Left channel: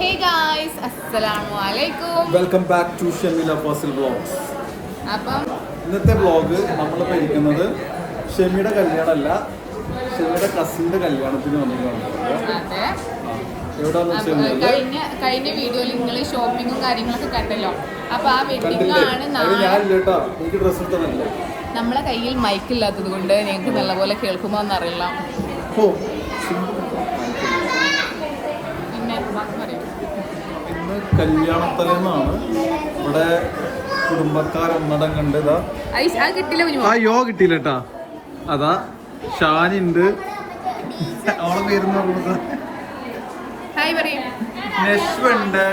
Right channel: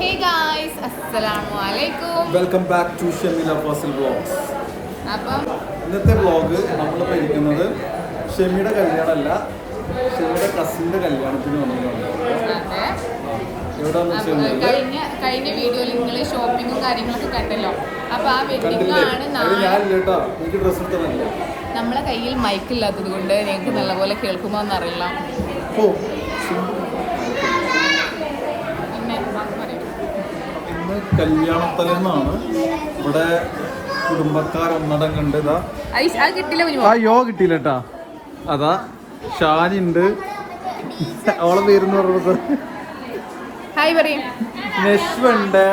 ഹേ guys അസ്സലാമു അലൈക്കും welcome back to Shemila Fasil vlogs അപ്പം ഇന്നത്തെ വ്ളോഗ് നമ്മൾ കഴിക്കുന്നത് ഷെമിയുടെ കല്യാണമല്ല ഷെമിയുടെ കസിന്റെ കല്യാണത്തിന് വെച്ചാൽ കഴിഞ്ഞ കഴിഞ്ഞ വീഡിയോയിൽ നിങ്ങൾ ഷോപ്പിങ്ങും കാര്യങ്ങളൊക്കെ കണ്ടല്ലോ. അപ്പൊ ആ വെഡിങ് ആണ് നമ്മളെ കയ്യിൽ മൈക്ക് ഇല്ലാത്തത് കൊണ്ട് ഞങ്ങൾക്ക് നല്ലപോലെ കേൾക്കുമോ എന്നറിയില്ല ഓ പിന്നെ ബാക്കി പറയും ഇന്ന് കല്യാണത്തലേന്നാണ് ഇവിടെ കുടുംബക്കാരൊന്നടം കണ്ടതാ യോ കിട്ടിയില്ല കേട്ടാ. അതാ ഷാനിണ്ട് അവൾ പേരുന്ന് ഹായ് പറയും. നെസ്മുണ്ട്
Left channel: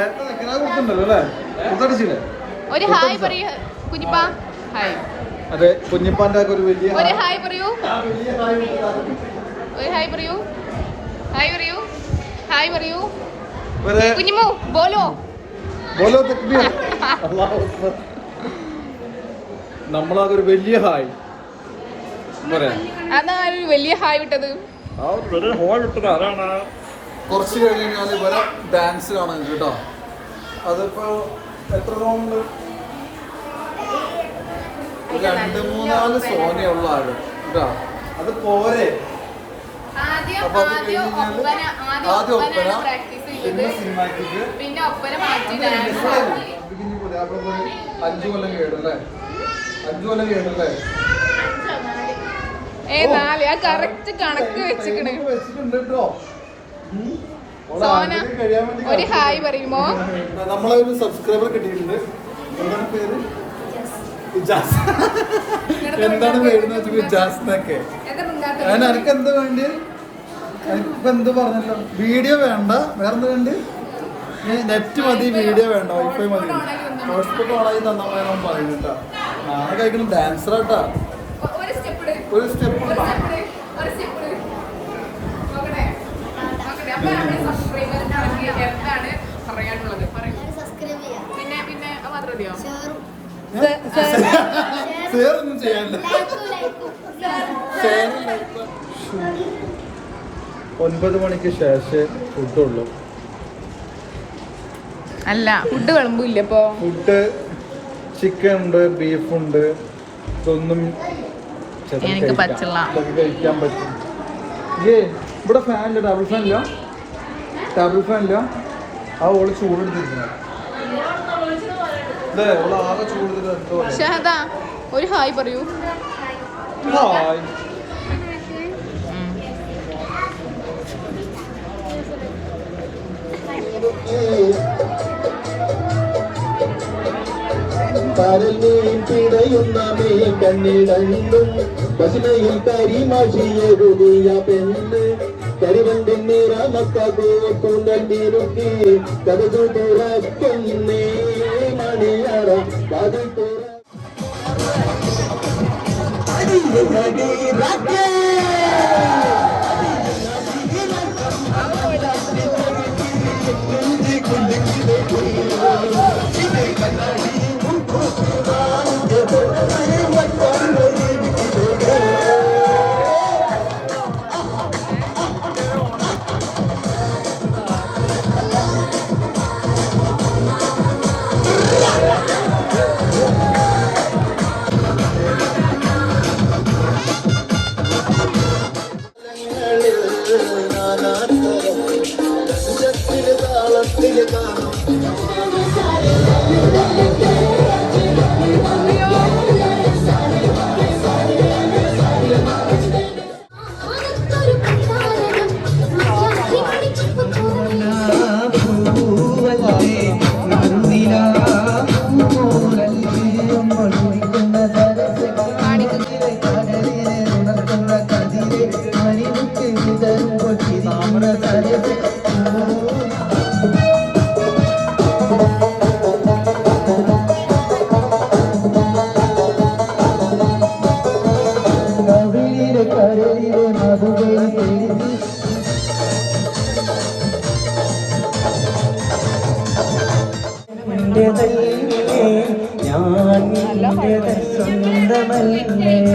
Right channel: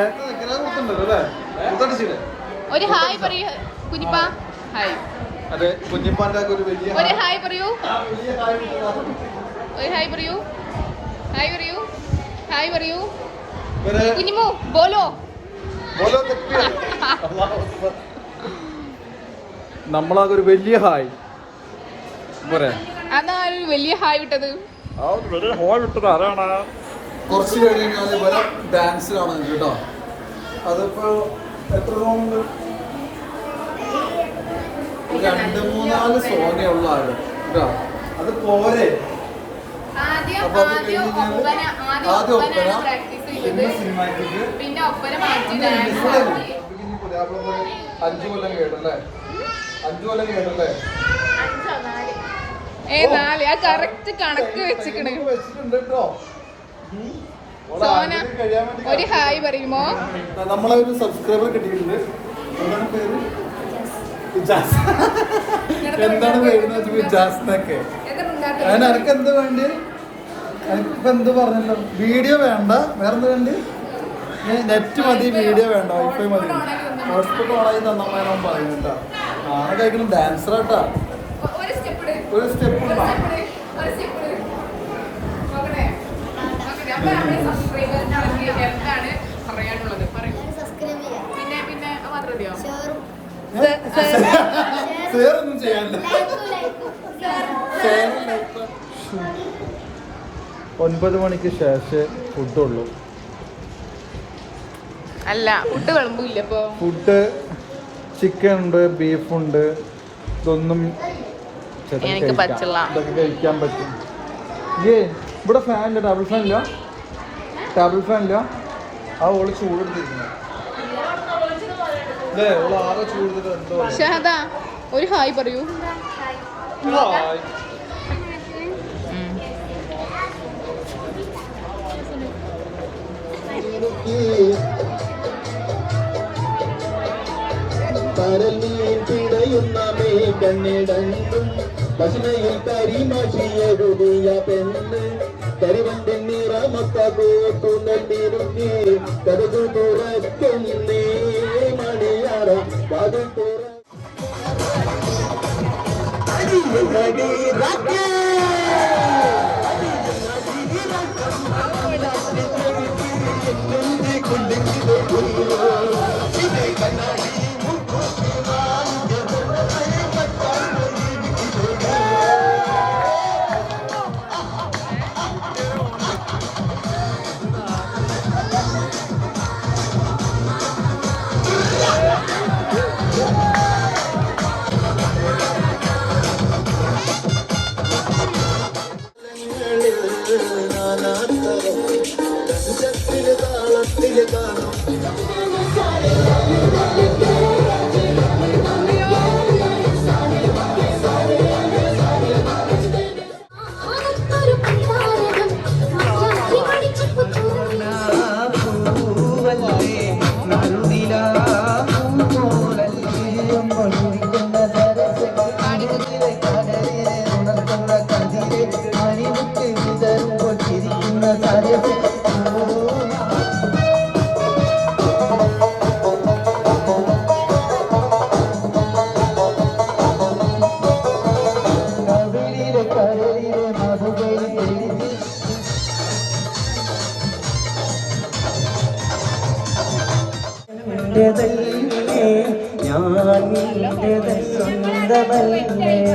ഒരു ഹായ് പറയൂ കുഞ്ഞിപ്പാ. ഹായ്. അതെ കുഞ്ഞിപ്പാന്റെ ഒരു വലിയ ഒരു ഹായ് പറയൂ. ഒരു ഹായ് പറയൂ. ഹായ് പറയൂ. ഹായ് പറയൂ. കുഞ്ഞിമോ ബോലോ. ബോലോ തക്ബീർ. നമ്മളാകെ ഒരു വലിയ ഹായ്. പോരെ. അതാ ഒരു വലിയ ഹായ് വിട്ടത്. കുറച്ച് കഴിഞ്ഞ് കഴിഞ്ഞാൽ ഇവരെ ഡാൻസ് കാണാൻ കേട്ടോ. അതിപ്പോ എത്ര റൗണ്ട് രണ്ട് മൂന്നാൽ സോങ്ങയുള്ള ആൾ കേട്ടോ. അത് പോരെ. അപ്പൊ അത് കഴിഞ്ഞ് ആദ്യം ഒപ്പന പിന്നെ സിനിമാറ്റിക് പിന്നെ ഒപ്പന മാറ്റി ഡാൻസ് ആക്കി അഞ്ചു കൊല്ലം കേടല്ലേ? അഞ്ചു കൊല്ലം കേടല്ലേ? ഏ നാല്. ആ കറക്റ്റ് കണക്ക് വെച്ചിക്കണ്. വെച്ചിട്ടുണ്ട് കേട്ടോ സോന ഒരു ഹായ് പറയുമോ? നമ്മളെ ഒരു സബ്സ്ക്രൈബർ കിട്ടിയിട്ടുണ്ട്. എന്താണ് പേര്. എന്താണ് പേര് ജാസ്നൊക്കെ ഞാൻ എനിക്ക് എന്ത് വേണ്ടി? എനിക്കിപ്പോ എന്ത് പറഞ്ഞല്ലോ വീഡിയോ വേണ്ട. വേറെന്ത് വേണ്ടി? നെറ്റ് മതി വീഡിയോ വേണ്ട വൈഫൈ മതി. ഹോസ്പിറ്റൽ ഓണായി നന്നമ്മേനോ പറയുന്നുണ്ടോ? ആ കഴിക്കണം ഡാൻസർ കേട്ടാ ഒരു സ്റ്റെപ്പ് ഒരു സ്റ്റെപ്പ് ഒരു സ്റ്റെപ്പ് നോക്കട്ടെ അപ്പൊ നമ്മുടെ സബ്സ്ക്രൈബേഴ്സിന് എന്താണ് പറയാനുള്ളത് പറയൂ പിന്നെ പിന്നെ അത് മാത്രം മതിയോ സേറൊന്നും ചെയ്യാനില്ല. ഒൻപത് മണിക്ക് ശേഷം ഫുഡുള്ളൂ. അല്ല ഫുഡ് വിളമ്പില്ല ഇപ്പൊ. ഫുഡ് ചിക്കൻ ഉണ്ട് ബീഫ് ഉണ്ട് ഇതൊന്നും എനിക്ക് കഴിക്കാം. പറ്റില്ല. ഇതൊക്കെ കഴിക്കാൻ പറ്റും. ഏ ഇവിടെ ഫാനില്ല ഡബിൾ ഫാനില്ല ഇല്ല? ഫാനില്ല ഫാൻ ഇല്ല? ആ ഓൾ ചൂടുണ്ടിരിക്കുന്നു ഷഹദ ഒരു ഹായ് പറയൂ കശനയിൽ കരിമാഷിയൊരുതിയ പെണ്ണ് കരിവന്റെ നിറമക്കോട്ടു தோறும் பதி தோறும் கண்ணாடி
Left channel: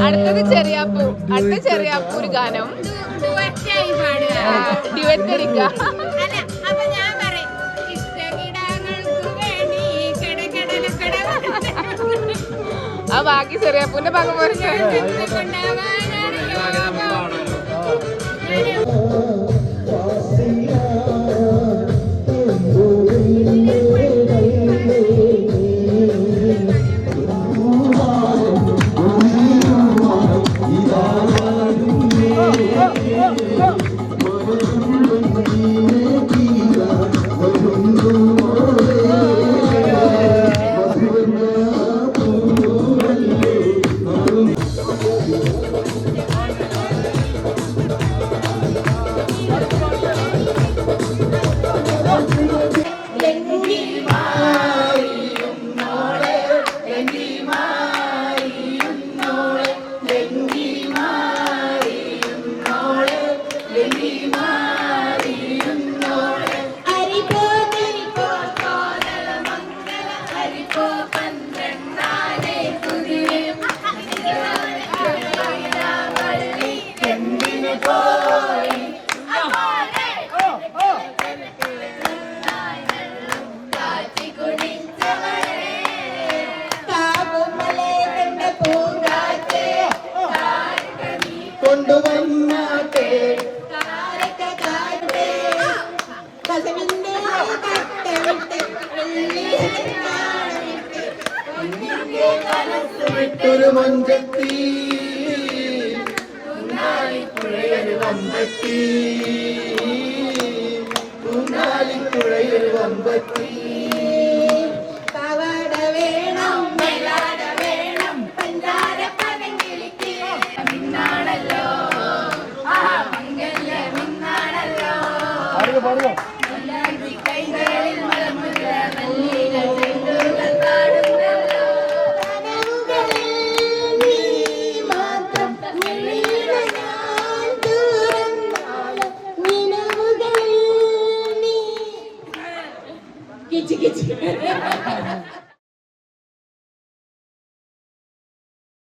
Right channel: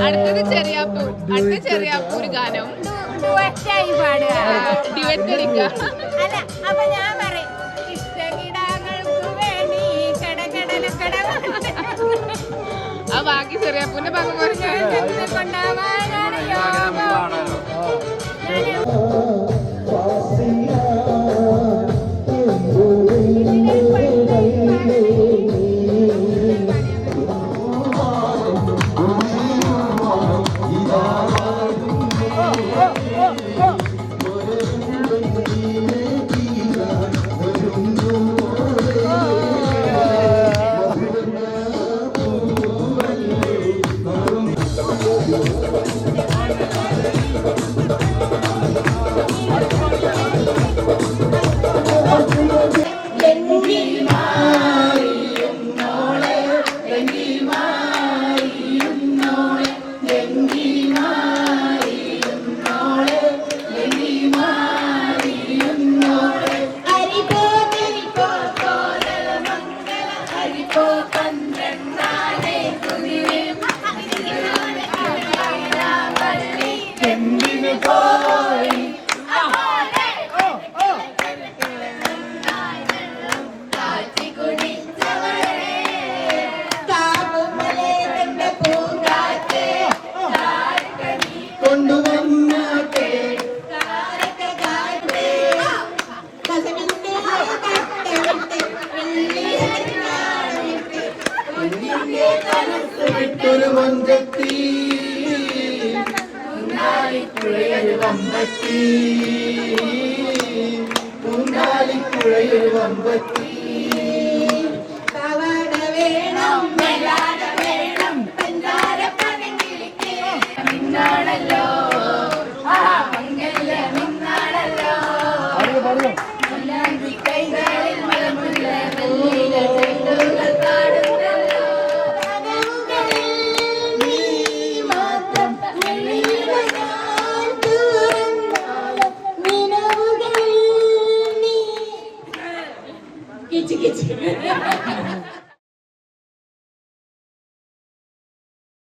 അടുത്തത് ചെറിയാപ്പൂ. അടുത്ത ചെറിയാപ്പൂ ഒരു ഗാനം. ഡിവറ്റ് അടിക്കുക അപ്പൊ ഞാൻ പറയും ഇഷ്ടകിടാങ്ങൾക്ക് വേണ്ടി കടകടലക്കട ആ ബാക്കി ചെറിയാപ്പൂന്റെ പങ്കുപോലെ ഞാൻ കൊണ്ടാവാനാണ് வம்பத்தி உன்னாலின் குழையில் வம்பத்தி